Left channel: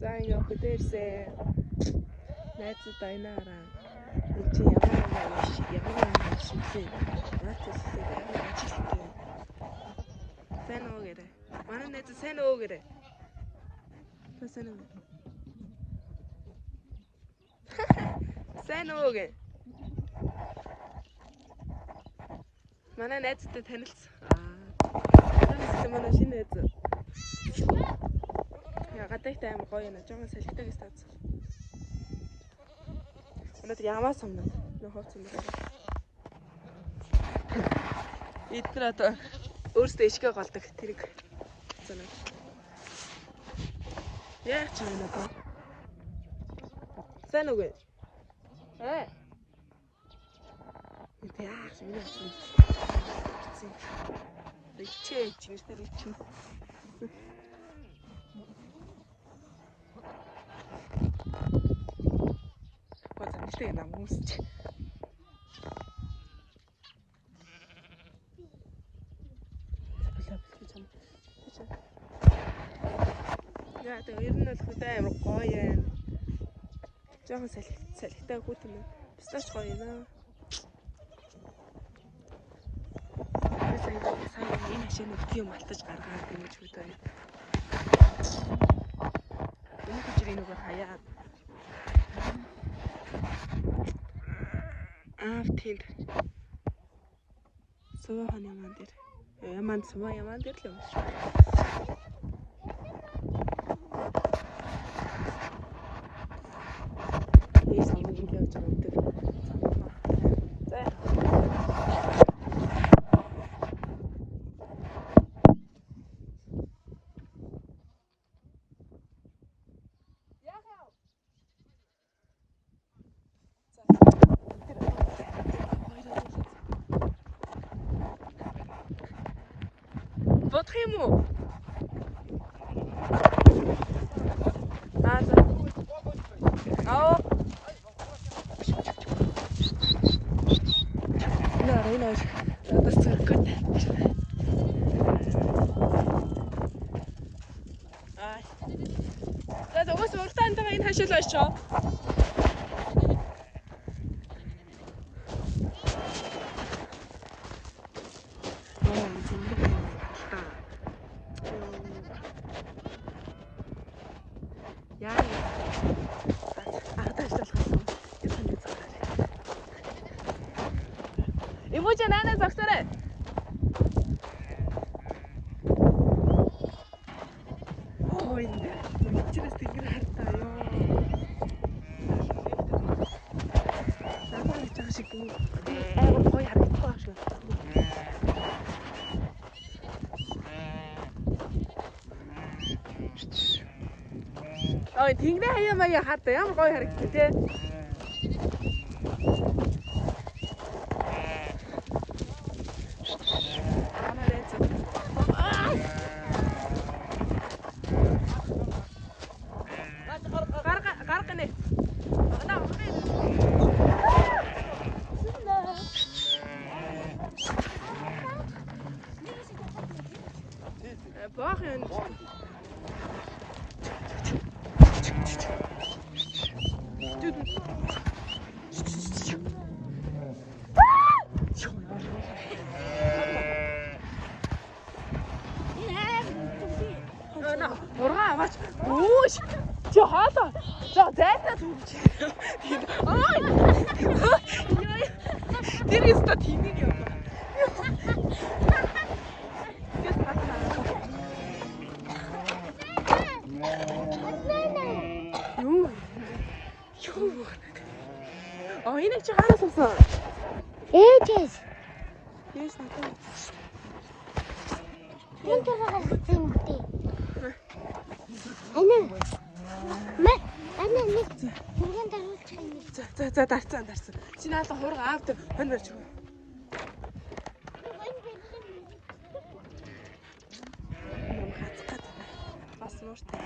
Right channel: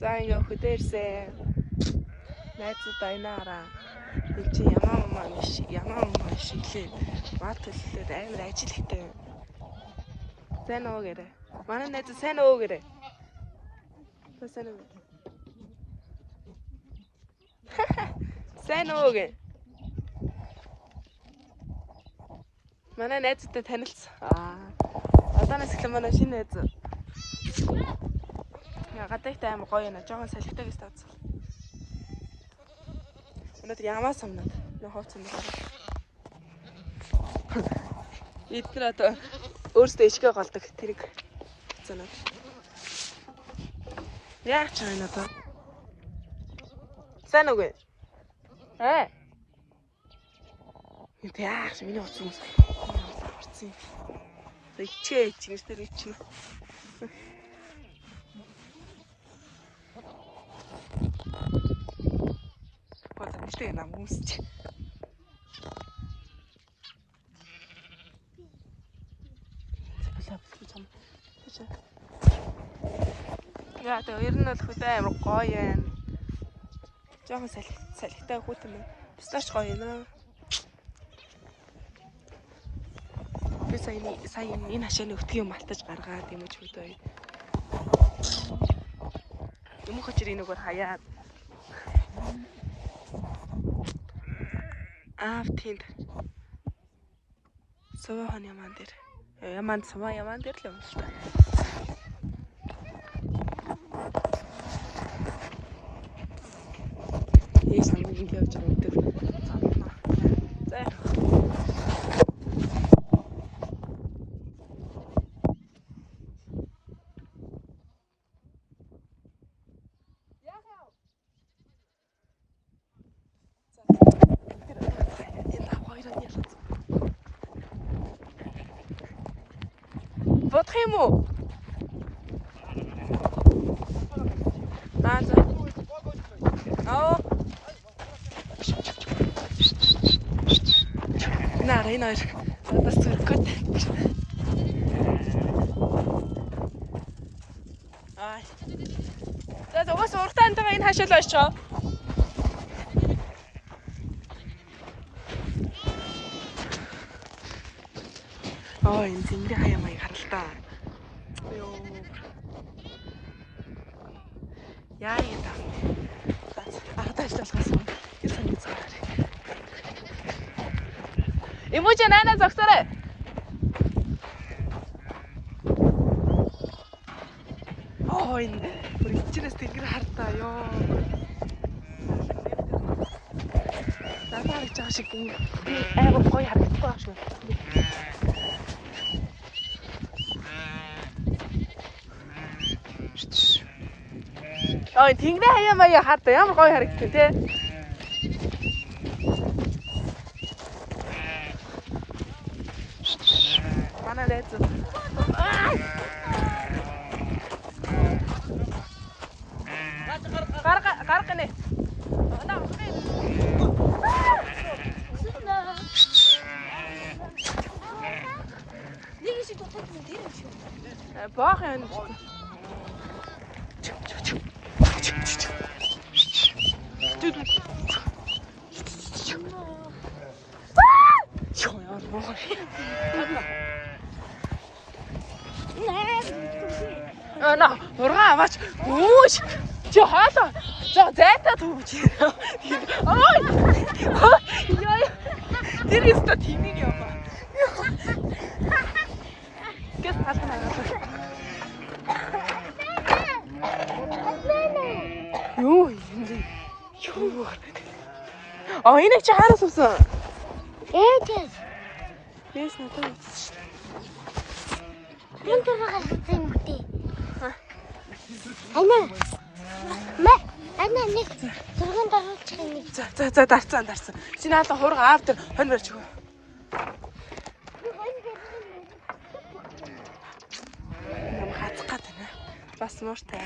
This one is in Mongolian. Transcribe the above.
За ингээ хөдөрсөн. Найзууд байнаараа. Энд чи ямар шиглээ. Маатэллээ амар ажил хийтэй. Сайн уу гэрэ. Манай найз сайн уу гэрэ. Сайн уу. Сайн уу гэ. Манай найзтай танилцсан. Аданаас л манай шинэ найз. Гадагтай аим гоё нэ. Жогон салхитагс таацсан. Өнөөдөр ямаа сумнаад нөө ховцсон байна. Эдгээр одоо өөрсдөө ишгээ голдог тэрийг цанаад. Яах ч юм одоо. Сайн уу гэ. Энд яах ч миний утсан юм. Ичээ чимстэй ичнэ. Вот нэртэй нам хүмүүсч. Яа тэ ер нь бол хөдөө амар гоё юм. Жохон салхитай хүүтэн байна. Пистач гоё юм. Би сая энэ хашааны өвтгий малтаж гаргаад юм уу хөдөө. Өмнөх хүчээр энэгээр хаяад. Тэнд. Суухан ямаан дээр. Ямаан дээр л юм шүү. Ես намайг ингэ явж байгаа өдөр цаанаа. За. Бодох юм уу? За. Энэ бас зүрхгүйт. За уус уртаа энэ энэ хашаал очоо. Энэ зингэр хаяа маяг харалтаа. Яа юм. Ахтаж талхасан. Юу сони цаарай. Иможи наана зогсоорой. Энэ үргэлжлээс тэнгэр хартаа ёо. Надад гэж байгаа шиг амар гоё харагдахгүй байх шүү. Тэнгэрээ хаяа маяа хартаа ямар гоё харагдав те. Гаргана. Баах юм. На, ургаа аваач. Өөш. Чи хаалаа. За зайтай түүж. Ой. Яа. Тэр өстө тимиг яваа. Гэт хатна. Юу. Энийг чи хаараас авсан? Ээжээс. Yes, надад. Энд байгаа юм бэ? Ана нэг зургийн даруулчих юм. За дарцсан. Шинэ хаалга хурга аав дээр хонь барьж өгөө. Нам хацах гад байна. Бас мууртай.